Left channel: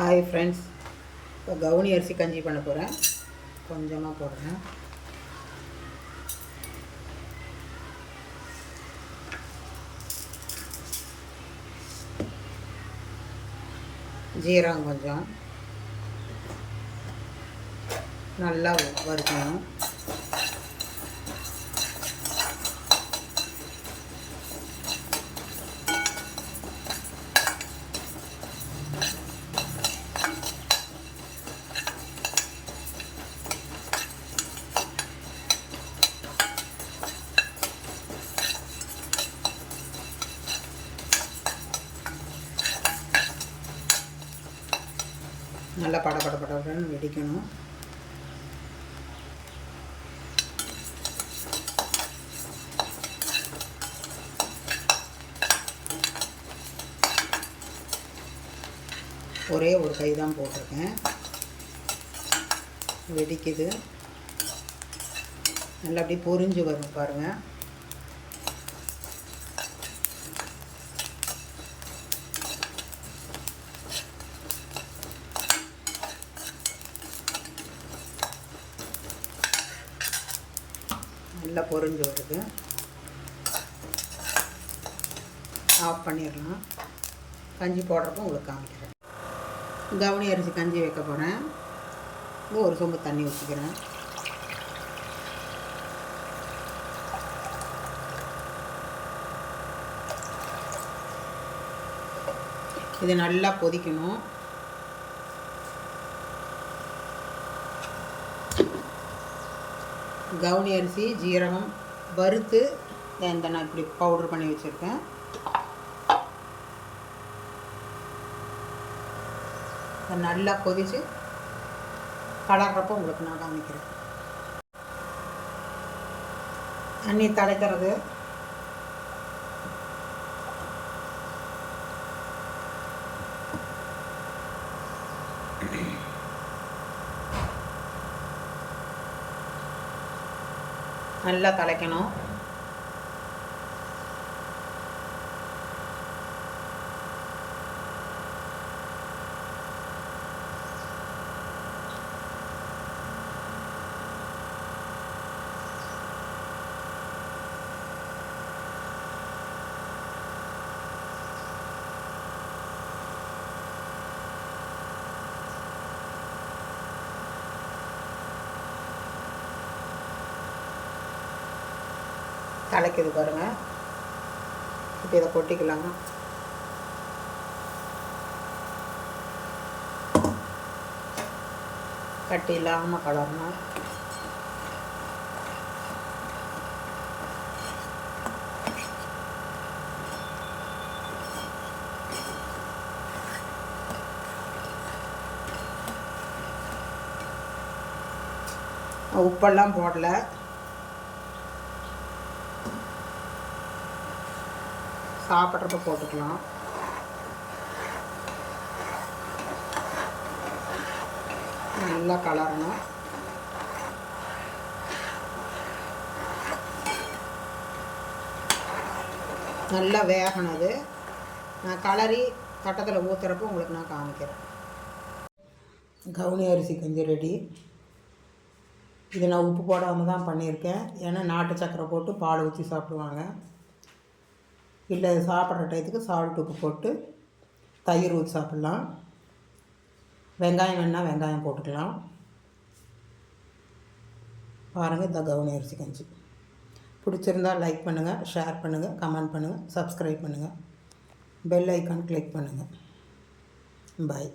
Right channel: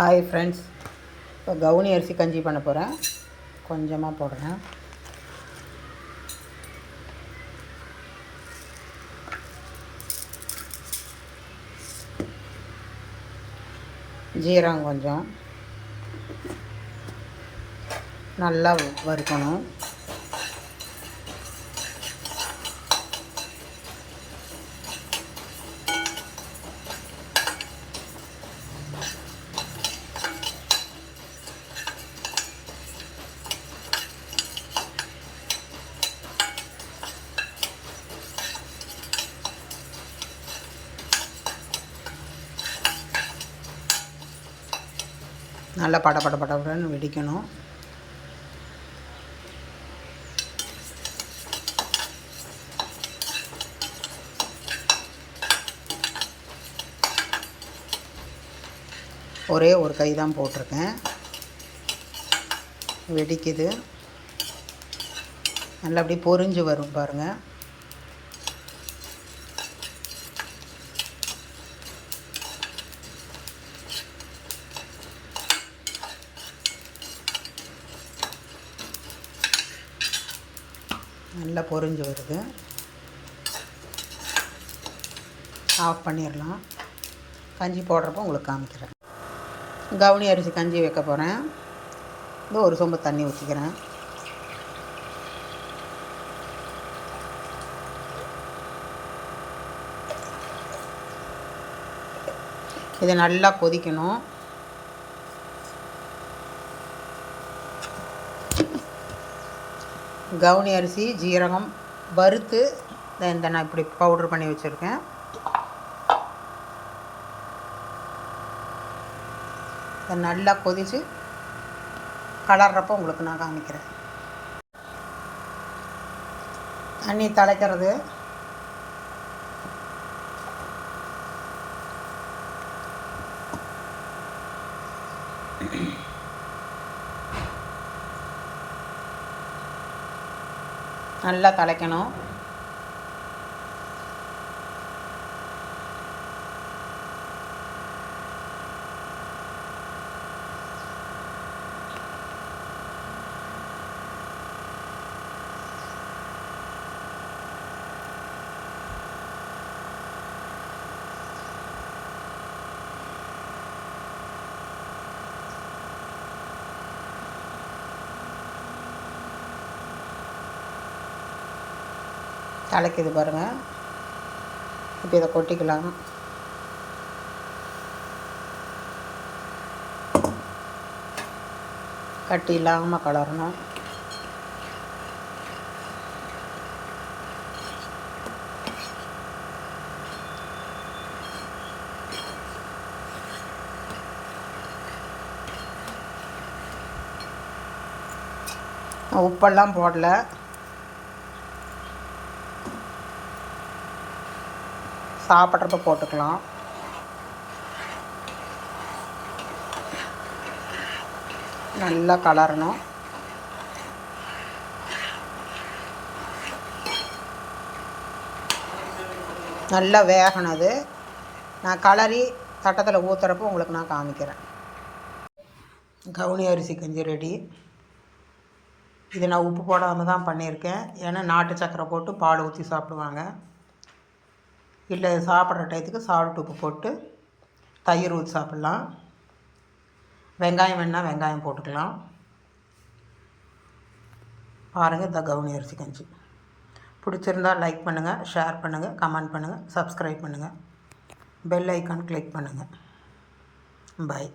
Hi friends, இப்போ கவுனி அரிசி கஞ்சி பண்ண போகிறேன். கொஞ்சமாக போடுறேன். ஜீரகம் கொஞ்சம் நல்லா வறுக்கணும். நல்லா படன்னு வெடிக்கணும். ஒரே ஒரு கை தான் போட்டிருக்கேன். வெடிக்குது. நல்லா அப்படி பொரிஞ்சு வரும் பாருங்கள். நல்லா பொரிஞ்சு வருது. ஆஃப் பண்ணிடலாம். கஞ்சி போடுறப்போ உங்களுக்கு காமிக்கிறேன். கவுனி அரிசி கஞ்சி வைக்க போகிறேன். இது ஒரு சொம்பு தண்ணி ஊற்றிக்கிறேன். இது நல்லா கொதிக்கணும். கவுனி அரிசி ஜீரகம் வறுத்து இந்த நான் இப்படி பவுட்ரு பண்ணி வச்சுருக்கேன். நல்லா கொதித்து கலர்றப்போ உங்களுக்கு நான் காமிக்கிறேன். தண்ணி தலைக்கிறது. நல்லா தலைக்கணும். தலைக்குது பாருங்கள். இப்போ இதை கொட்டிக்கலாம். கட்டி இல்லாமல் கலரணும். உப்பெல்லாம் போடல. சாப்பிட்றப்ப போட்டுக்கலாம். நல்லா கலரணும். நல்லா வேகணும். அது நான் கலரி தட்டத்தில் ஊற்றுறப்போ உங்களுக்கு நான் காமிக்கிறேன். கவுனி அரிசி கஞ்சி ரெடி. இது நான் உப்பு போடாமல் தான் பண்ணியிருக்கேன். ஏன்னா நாட்டு சக்கரை போட்டு பால் ஊற்றி சாப்பிடுவாங்க. இல்லை சாப்பிட்ற டயத்துக்கு சால்ட் உப்பு போட்டு தயிர் ஊற்றி சாப்பிட்லாம். வெங்காயம் வேணால் வெங்காயம் போட்டுக்கலாம். பாருங்கள், இந்த கவுனி அரிசி கஞ்சி பிடிச்சிருந்தால் லைக் பண்ணுங்கள், ஷேர் பண்ணுங்கள், கமெண்ட் பண்ணுங்கள், சப்ஸ்கிரைப் பண்ணுங்கள், பெல் ஐக்கான் கிளிக் பண்ணுங்கள். பாய்.